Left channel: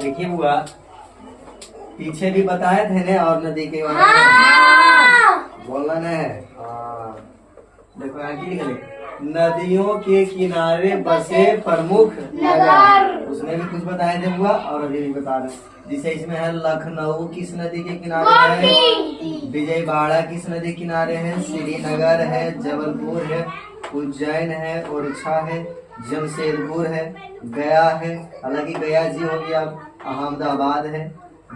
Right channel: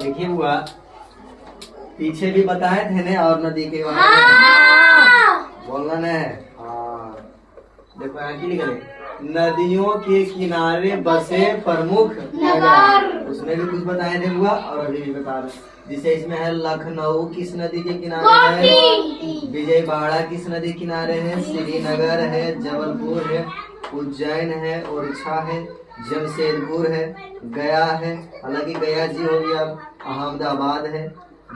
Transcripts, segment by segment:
देखिए बुआ, पीछे भी बताए थे ने और नदी के बोलना न है। हाँ देखो यहाँ की लिखे, नदियों के किनारे बसे प्रमुख नगर, उसमें भी कुछ बताए थे बुआ और अभी भी बता रहे। जिसे इसमें है लखनऊ किस नदी के किनारे है, विजयवाड़ा किस नदी किनारे है, श्रीनगर है, जबलपुर है, उज्जैन है, ओरछा है, जमशेदपुर है, गया है, हालांकि गया जी हो गया, अहमदाबाद है,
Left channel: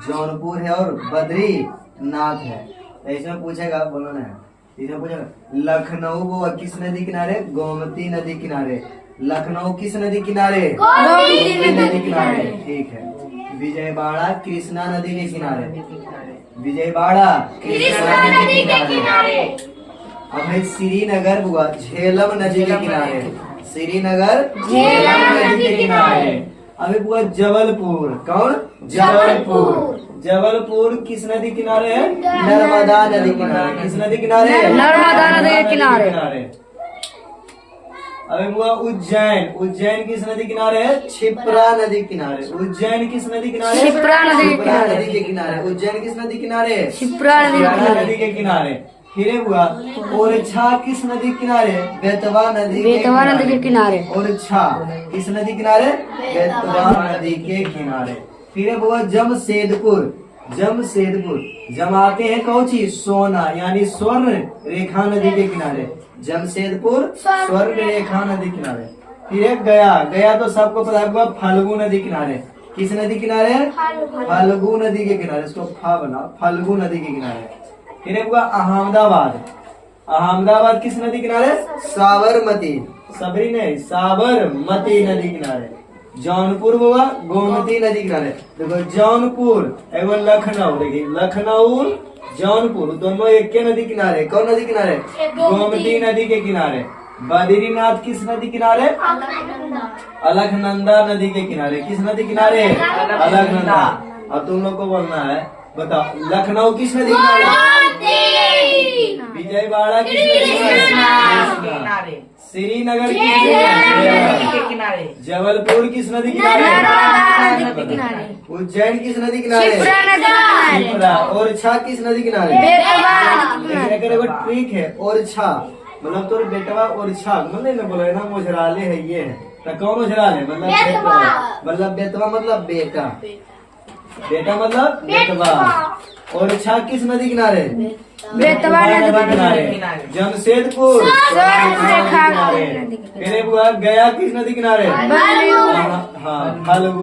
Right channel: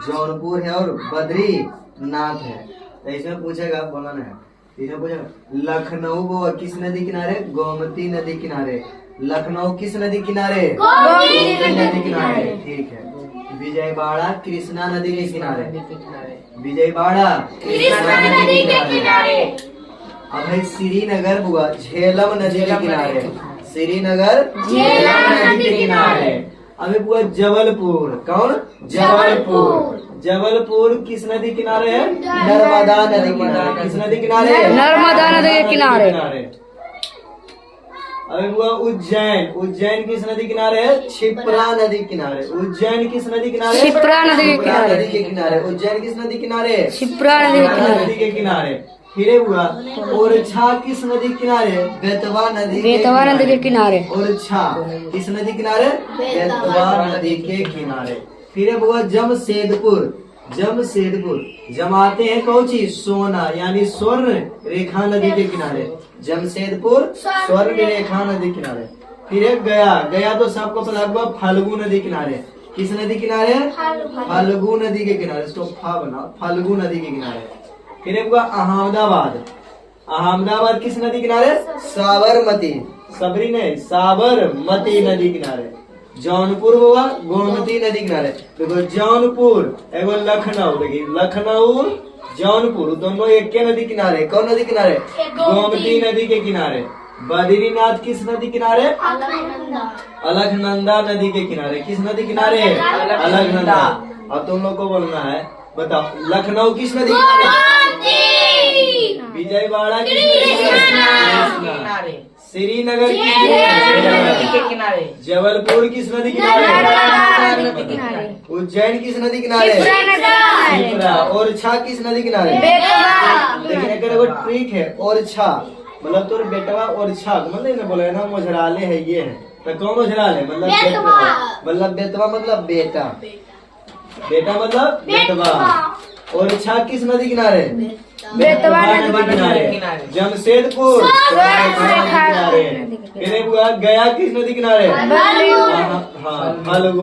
जौनपुर है और बद्रीनाथ है। तो इसमें पूछेगा बोलना है, इसमें पूछेगा लखनऊ वो किस नदी किनारे, गोमती नदी किनारे। लखनऊ किस नदी किनारे, गोमती नदी किनारे। ठीक है। विजयवाड़ा कृष्णा नदी के किनारे, विजयवाड़ा कृष्णा नदी के किनारे। अब है श्रीनगर बुआ झेलम नदी के किनारे, श्रीनगर झेलम नदी के किनारे। अभी बुआ जबलपुर, कौन, जबलपुर, जबलपुर किस नदी किनारे है, नर्मदा नदी किनारे। किस नदी किनारे, नर्मदा नदी के किनारे। अबे बुआ उज्जैन, उज्जैन किस नदी किनारे है, क्षिप्रा नदी किनारे। उज्जैन किस नदी किनारे, क्षिप्रा नदी के किनारे। नदी के किनारे। उज्जैन किस नदी किनारे, क्षिप्रा नदी के किनारे। फिर बुआ ओरछा किस नदी किनारे, बेतवा नदी के किनारे। ओरछा किस नदी किनारे, बेतवा नदी के किनारे। फिर बुआ जमशेदपुर, जमशेदपुर जमाते हैं कौन चीज, सोना, यानी स्वर्ण रेखा नदी के किनारे। जमशेदपुर स्वर्ण रेखा नदी किनारे। फिर गया, गया तो सबको पता हुआ फाल्गु नदी किनारे। किस नदी किनारे, फाल्गु नदी के किनारे। इसको फा बना, फाल्गु नदी के किनारे। फिर हुआ अहमदाबाद, अहमदाबाद किस नदी किनारे, साबरमती, सबरी नहीं साबरमती नदी किनारे। जौनपुर हुआ गोमती नदी किनारे। देखो जौनपुर एवं लखनऊ, देखिए लखनऊ जौनपुर दोनों एक के नदी किनारे। कौन नदी किनारे, गोमती नदी के किनारे। बद्रीनाथ किस नदी किनारे, अलकनंदा नदी के किनारे। किस नदी किनारे, अलकनंदा। अब तुम लोग को बोलना है, बताओ लखनऊ किस नदी किनारे, विजयवाड़ा किस नदी किनारे, श्रीनगर किस नदी के किनारे, जबलपुर किस नदी किनारे, उज्जैन किस नदी किनारे, क्षिप्रा। ओरछा किस नदी किनारे। देखो ट्रिक है, ओरछा मतलब तो बेटवा ओरछा मतलब बोले ना मोजराले है ये है। तो कौन ओझराले मतलब बेटवा, मतलब बेटवा मतलब बेटा, बेटा मतलब बेटवा। ओरछा किस नदी किनारे, बेतवा नदी किनारे। जमशेदपुर किनारे। फिर गया किस नदी किनारे, हाँ फाल्गु।